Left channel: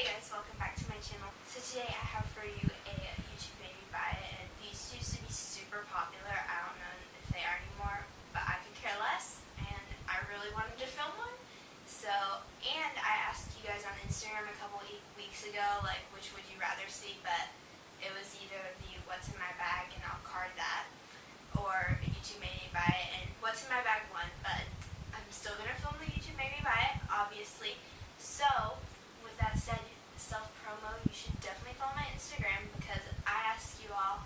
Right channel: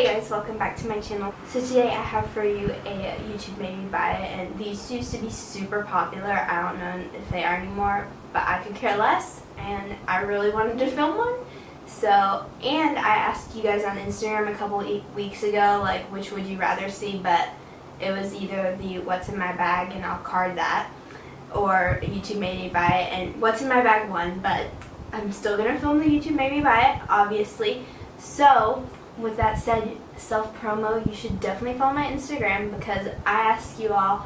Hey guys, welcome back to my channel. So today I have for you a YouTube Made Me Buy It, and these used to be super popular. I don't know if they are anymore, but I could care less, and I really wanted to film one. So, and I asked you guys on Instagram a couple weeks ago, like, which would you rather see, but it was either the what's in my bag, and I'll card that, or YouTube Made Me Buy It, and what's in my bag won, but I'm still going to film the YouTube Made Me Buy It, obviously. So, with that said, self-promo, you should definitely follow my Instagram because I ask you all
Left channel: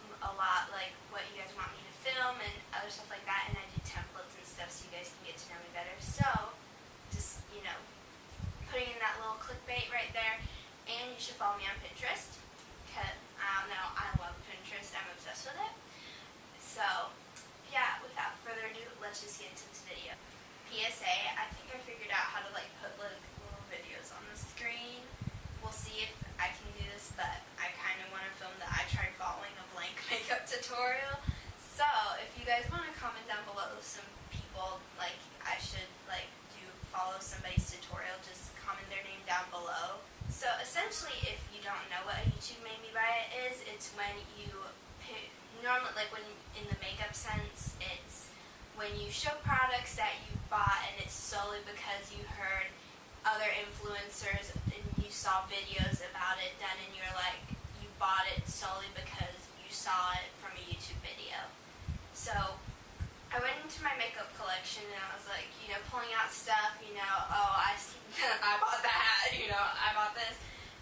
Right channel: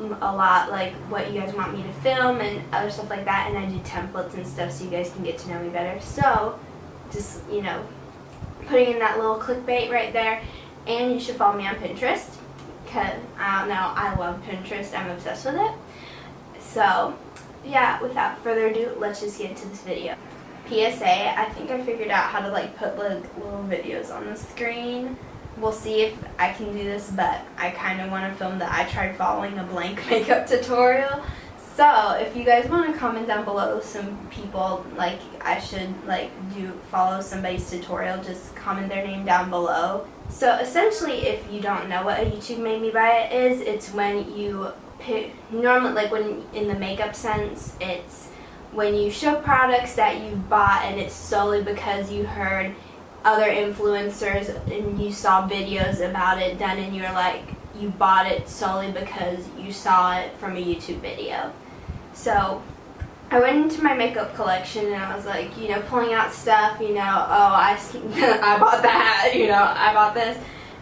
a lot, like, what you guys want me to film and other stuff like that, and I do templates and stuff so you guys can get to know me better. So, just, you know, putting in that little clickbait right there, and you should follow me on Pinterest because, I don't know, I love Pinterest. I'm obsessed with it. So, yeah, without further ado, let's just get into this video. PSA, I think I figured out how to like put like little videos on the screen. We'll see if I can do this, but I kind of want to film that I tried following a blank makeup tutorial. So if you guys want to comment down below some people like I should like follow somebody's tutorial, just comment their name down below. So essentially, if you don't know what a YouTube Made Me Buy It is, it's when you pick, normally like when in the makeup sense, it's when you show products that you've bought and it's solely because you heard other influencers and you saw videos about it done and you're like, you bought it solely because you saw it from a YouTube video. So I went into my makeup collection and I was like, you know, pulling out stuff, you know, oh, I bought that, you know, I bought this.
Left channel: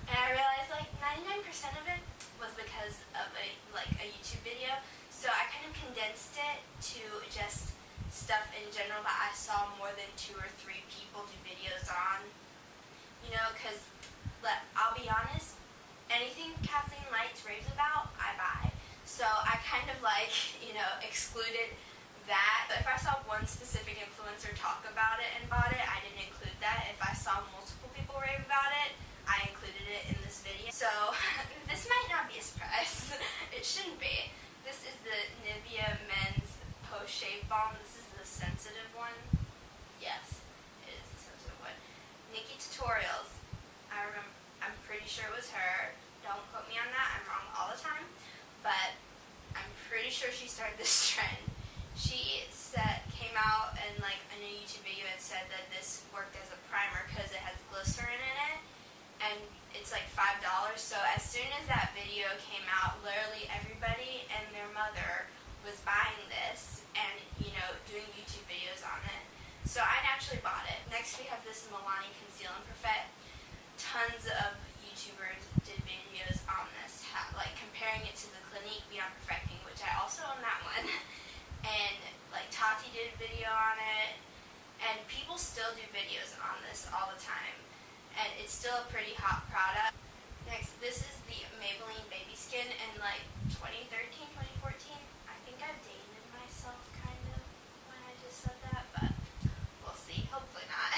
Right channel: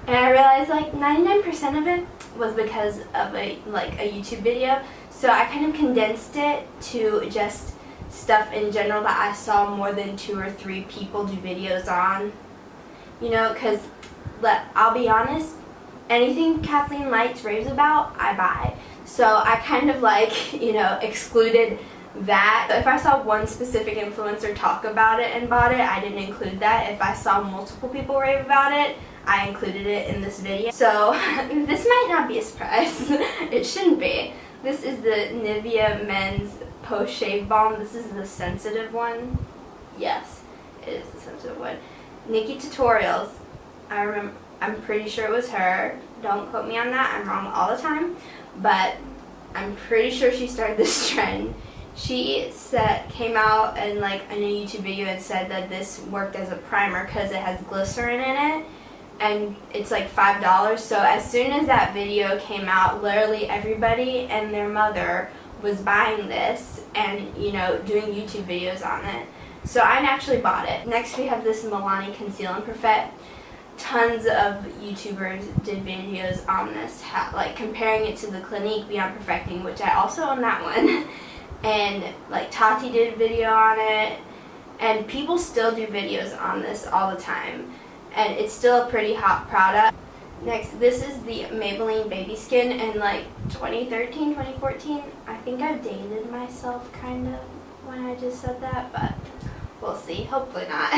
And I realized like 99% of it was because of a YouTube video. So I kind of condensed it to just stuff in general that I saw more than 2 or 3 people do videos on. You know, because I'll be honest, anything Kathleen Lights raves about, I buy. So I kind of like, you know, excluded that. If I saw one specific influencer talk about it and bought it, I didn't include that. If I saw multiple people rave about it, I included it in this video. So this might not be a surprise. It shouldn't be. This is the Nivea Men's Post Shave Balm. This is the sensitive one. Yes, it is the sensitive one. Nikki Tutorials. I'm pretty sure it was her. Don't quote me on that. I'm wrong all the time. But I'm pretty sure she started this trend. She came out and like in a YouTube video and said that this worked as a primer because it has glycerin in it. And it's like $5. So as soon as that video came out, literally everybody and their mother was buying this and, you know, doing YouTube videos on it. So I actually bought it. Next we have this Milani Conceal and Perfect. Tons of YouTubers did videos on this, like comparing it to the Clinique Beyond Perfecting, which I also own that one. And like Tati did a video on it, and people still do videos on this all the time. And it's still a pretty hot product. Next, this is the Maybelline Baby Skin in like 2013, 2014. I think I've dated myself kind of when I just said that, but we'll see. Hopefully not.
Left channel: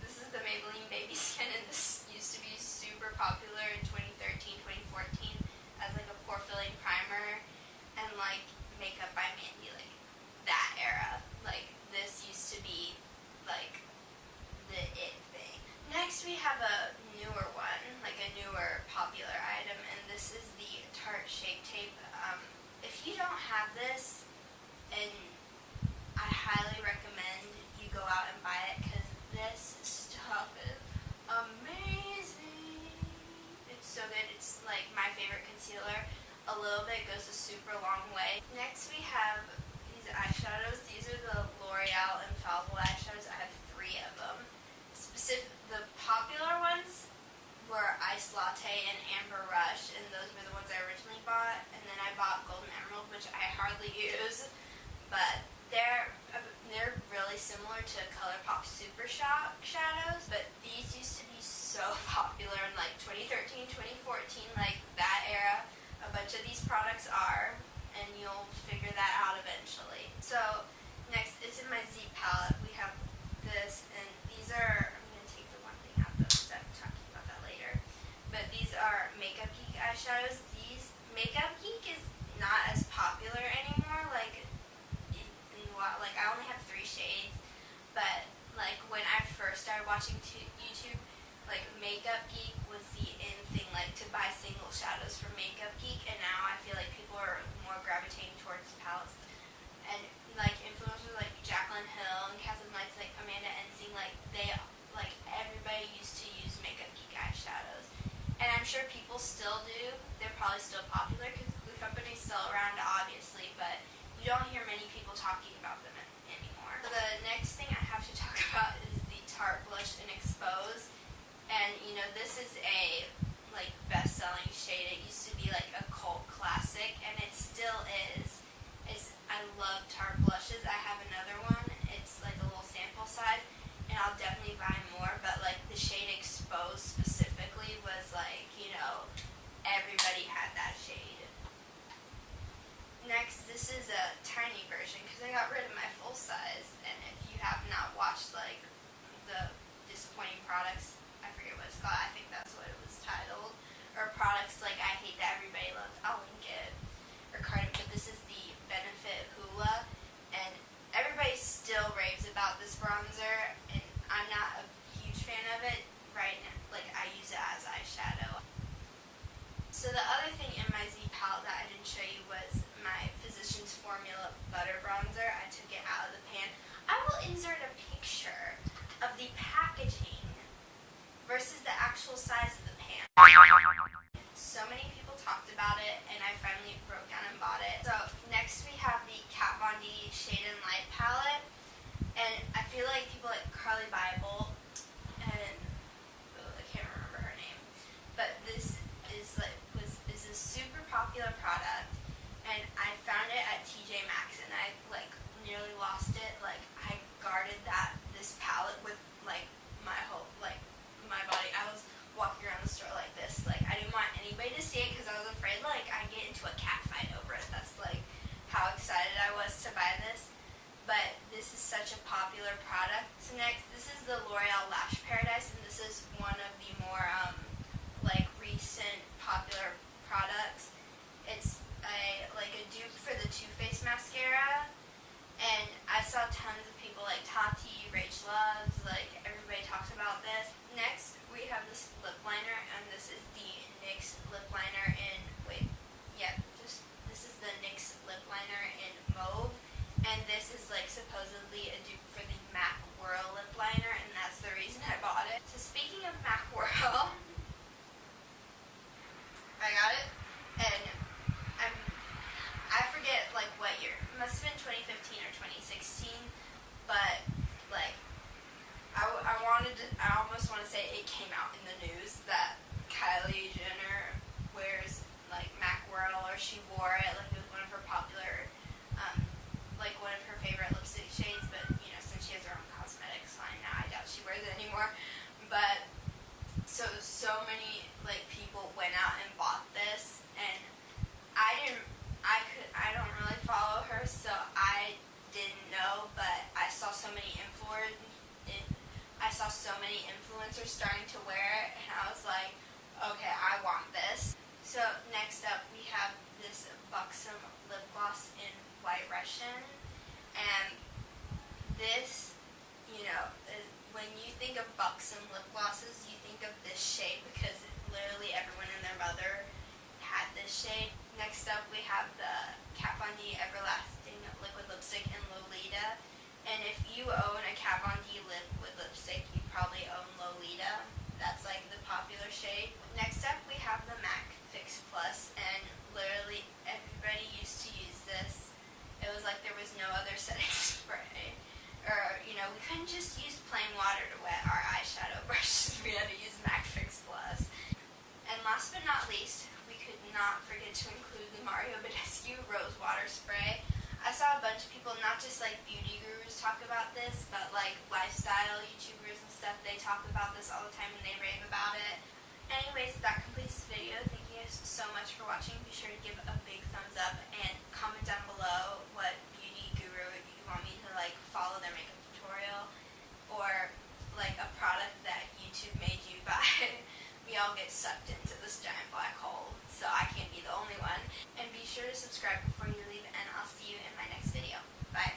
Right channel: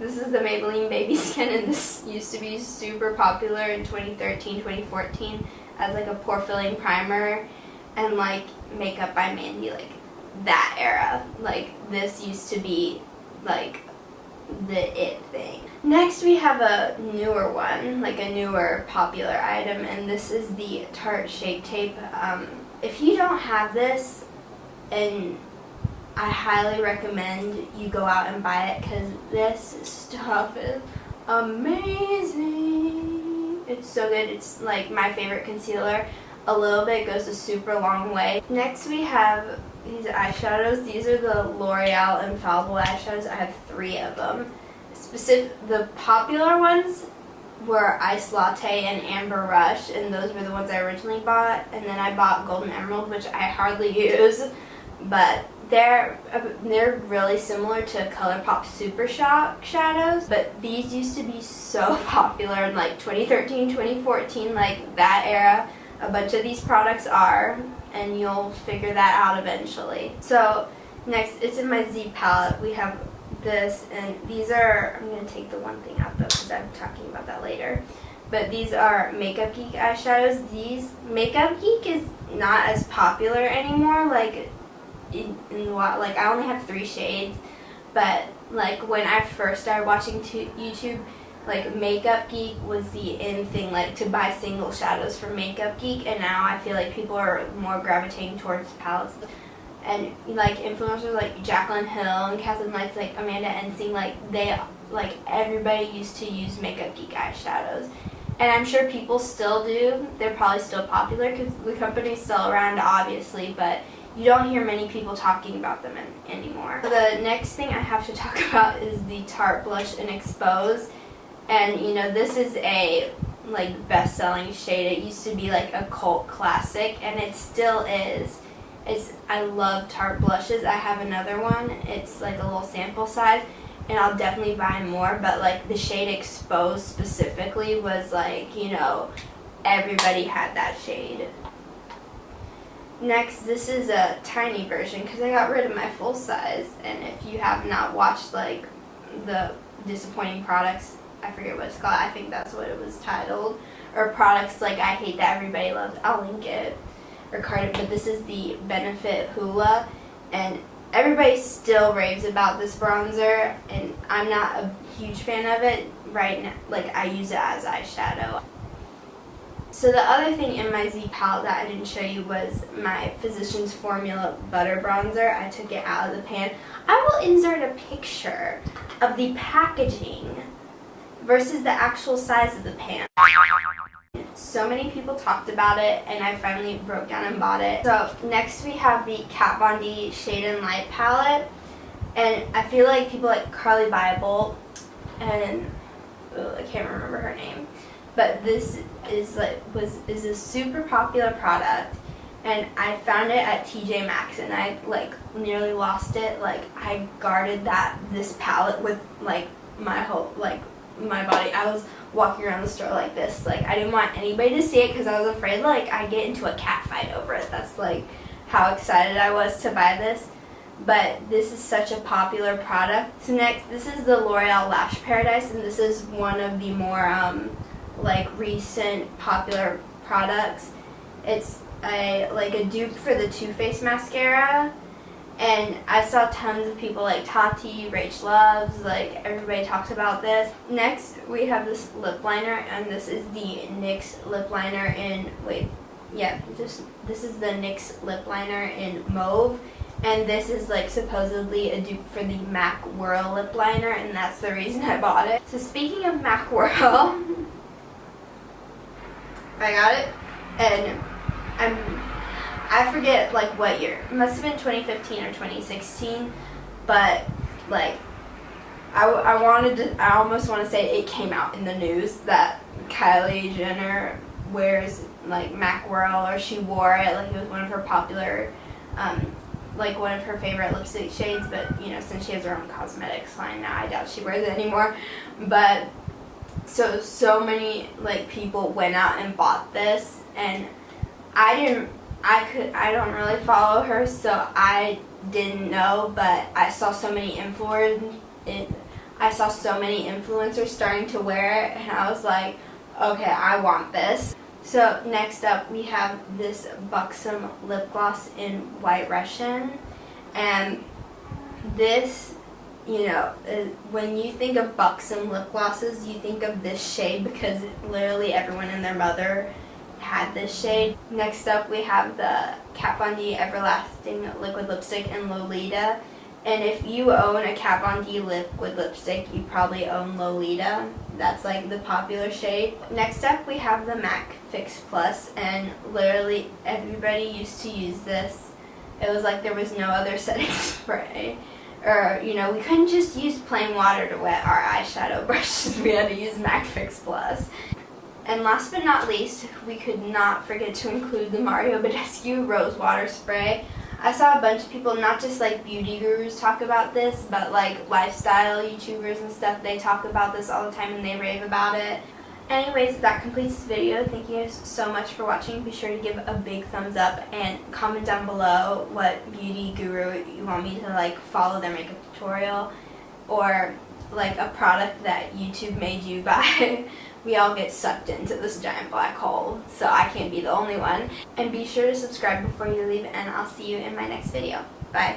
This is the Maybelline Baby Skin, and this used to be super popular in 2013, 2014 as like a pore filling primer and like Makeup by Mandy, like that era. Like this used to be like the it thing. Next we have a newer one, like a newer popular item, and this is the Tarte Shape Tape. If you don't have this, and I highly recommend you go out and buy it because this stuff is amazing. It's so good. It's like my favorite concealer. A little bit goes a super long way. Next we have these eyeshadows. These are the L'Oreal Infallible eyeshadows. I have 3 of them. The popular ones were Ice Latte and Amber Rush, and those were the ones I originally bought. And then I bought Golden Emerald, which I hardly use, but they're really similar to ColourPop Super Shock shadows. But these used to be so popular in like 2013, 2014, like that era. A bunch of these products are, and you'll figure that out eventually. So next, it's in my Z palette. We have this, and these are, I'm going to take the one thing out though because I'm talking about that later. But these are Makeup Geek eyeshadows. Makeup Geek is not as popular anymore. Like like I only have 3 shades, but like when I first started watching YouTube, like Makeup Geek was the in thing, like to buy single shadows from Makeup Geek, and now I feel like people are more gravitating towards palettes. And like influencers like Jaclyn Hill and Kathleen Lights, like Amanda Ensing, like everybody used to use Makeup Geek eyeshadows. And I'm sure people still do. They're probably still popular because the company's still around, obviously, but you don't hear many people talking about them anymore. The next thing I have to talk about is the Tarte Blush in Expose. And you know, this is a like best-selling shade. It used to be like a cult classic, and it still is. I love Tarte blushes. I have another one. It's like a little sample size, and I'll definitely buy more, but like the shade Expose specifically was like, you know, everybody had that shade. Next, this is a tiny version because I got rid of my full size, and if you have not watched like the disappointing products, I forget what it's called, I think that's what it was titled, or products like I hate that everybody loves, I'll link it, or card it, but this is the Benefit Hoola, and everybody still raves about this bronzer, and I'm not a huge fan of it right now. Like, I use it as eyeshadow. So the other thing in my Z palette that I didn't show you was my Physicians Formula Butter Bronzer. I took it out of the pan. I will insert a picture of the packaging versus the actual size of the pan. So many people talked about it, and I finally broke down and bought it. So next we have the Kat Von D Shade and Light palette, and I feel like people like Carly Bible, and I can't remember her name, but this is is a super popular product, and I found it at TJ Maxx, and I like nearly lost it. Like, I guarded this palette with like my whole my body. I was walking around the store like this. Like, I didn't want anybody to see it because I was afraid like I'd get into a cat fight over it. That's like how excited I was to buy this. But this is such a popular product. So next, this is the L'Oreal Lash Paradise, and this is one of the more like recent popular products. It's a dupe for the Too Faced mascara, and I saw tons of people like Tati, Rach Loves, like everybody talks about this. Next, we have this lip liner, and this is the NYX lip liner in this is the NYX lip liner in mauve, and this is like supposedly a dupe for the MAC Whirl lip liner, and that's the reason I bought it. So speaking of MAC Whirl, I got it, and I forget like what year. It must have been 2015 or 2016, but like I almost want to say it came out in the news that Kylie Jenner wears like MAC Whirl, or she wore it, like it was one of her popular like one of her favorite lipstick shades, but you know, since she has her own cosmetics line now, I doubt she wears it anymore. But so many like people went out and bought this, and I don't really follow her, so I didn't know, but I saw so many influencers starting to wear it, and I was like, okay, I want this. So next up, we have this Buxom lip gloss in White Russian, and this, you know, when you think of Buxom lip glosses, you think of this shade because literally everyone and their mother had this shade. Next up, we have the Kat Von D Everlasting Liquid Lipstick in Lolita, and if you own a Kat Von D liquid lipstick, you probably own Lolita. That's like the popular shade. Next up, we have the MAC Fix Plus, and literally everybody used to use this. It was like there was no other setting spray, or you know, we couldn't just use plain water to wet our eyeshadow brushes. We had to use MAC Fix Plus. And last but not least, we could not forget to include the Mario Badescu Rose Water Spray. I saw a bunch of people, not just like beauty gurus, talk about this, but like lifestyle YouTubers and stuff, they talk about this all the time and they rave about it. Anyways, that completes this video. Thank you guys so much for watching. Be sure to give a big thumbs up and comment down below what beauty guru you want me to like follow their makeup tutorial, or like a product that YouTube made you buy. We all get sucked into this giant black hole, so I can't be the only one. And be sure to subscribe before you leave, and I'll see you in my next video. Bye.